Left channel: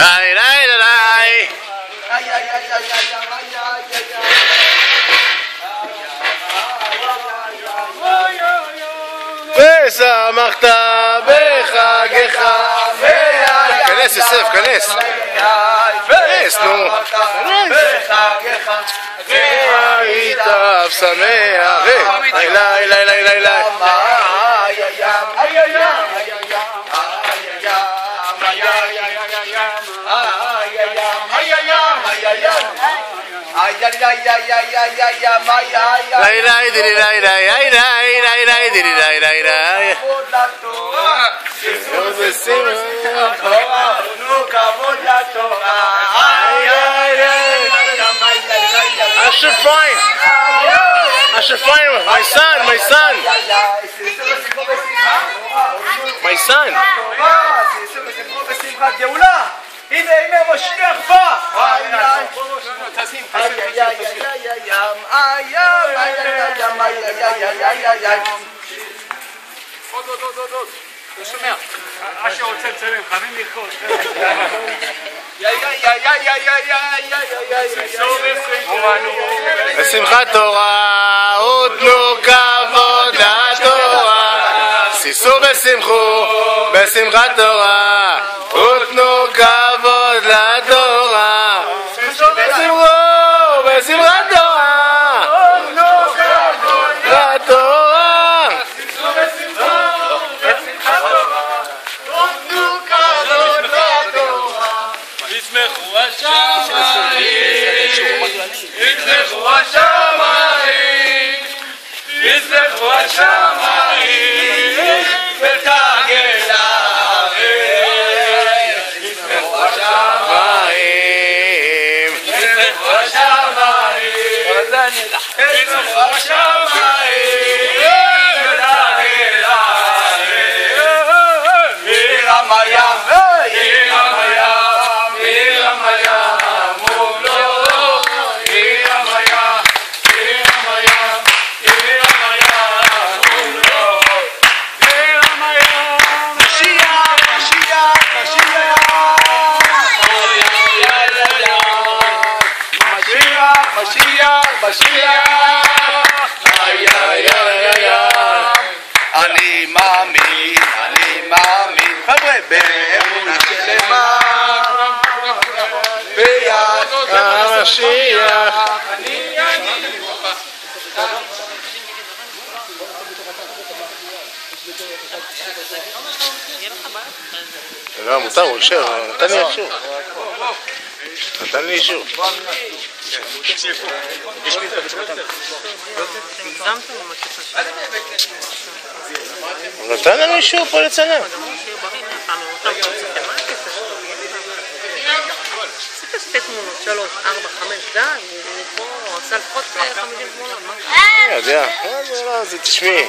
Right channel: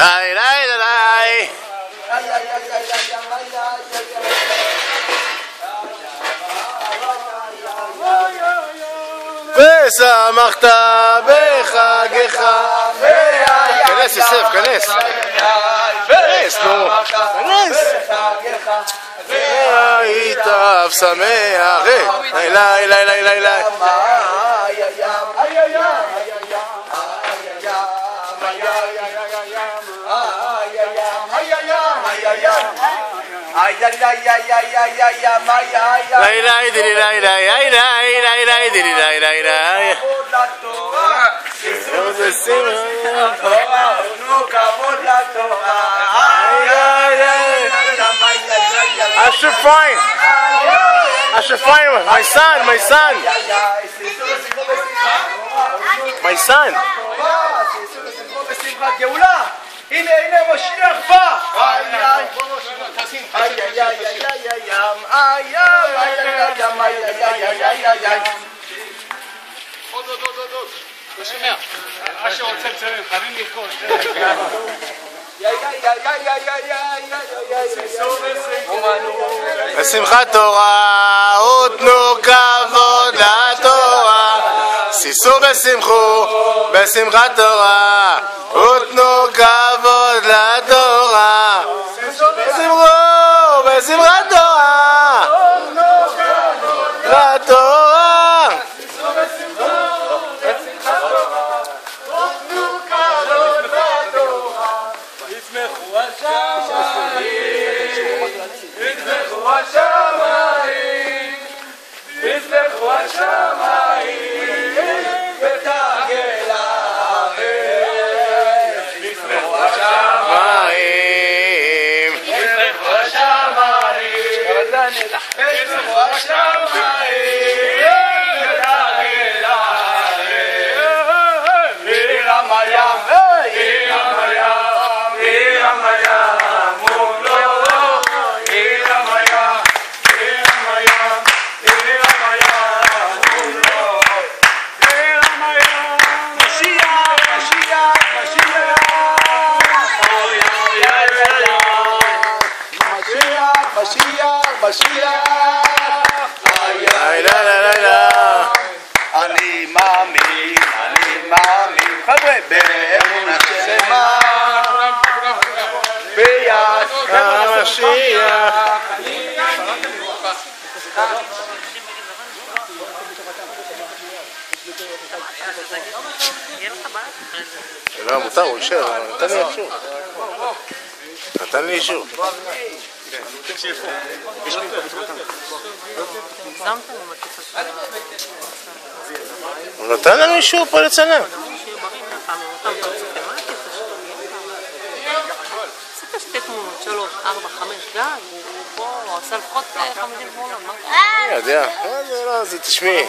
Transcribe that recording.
ליי ליי ליי ושמחת בחגך. כנס יוסף, כנס. כנס, נו. כנס. והיית אף שמח. ליי ליי ליי ליי ליי ליי. ליי ליי דילי ליי ליי ליי ליי ליי ליי דילי ליי ליי ליי. Asher Fine, Asher Fine, my son, my son, my son. הנה, הנה, משיח בא! עוד, לא שומע. אשר רוצה לצלם, חייבים לרקוד. בשמחת תורה ותנו כבוד לתורה, שישו ושמחו בשמחת תורה ותנו כבוד לתורה, ושמחו בשמחת תורה לתורה. ישמחו השמיים, ישמחו השמיים, ישמחו השמיים, ותגל הארץ. ישמחו השמיים, ישמחו השמיים, ישמחו השמיים, ותגל הארץ. וירמיה, אני מאמין, חבר'ה, באמונה שלמה ביד המשיח. לא, מותר, הוא אישר, נתן לי אישור. נתן לי אישור. הוא נתן לנו אישור פה לצלם. שתי תמונות, 3, 4, 5, די, פה הוא עשה לפחות 50 תמונות. אני יודע, תשמעי.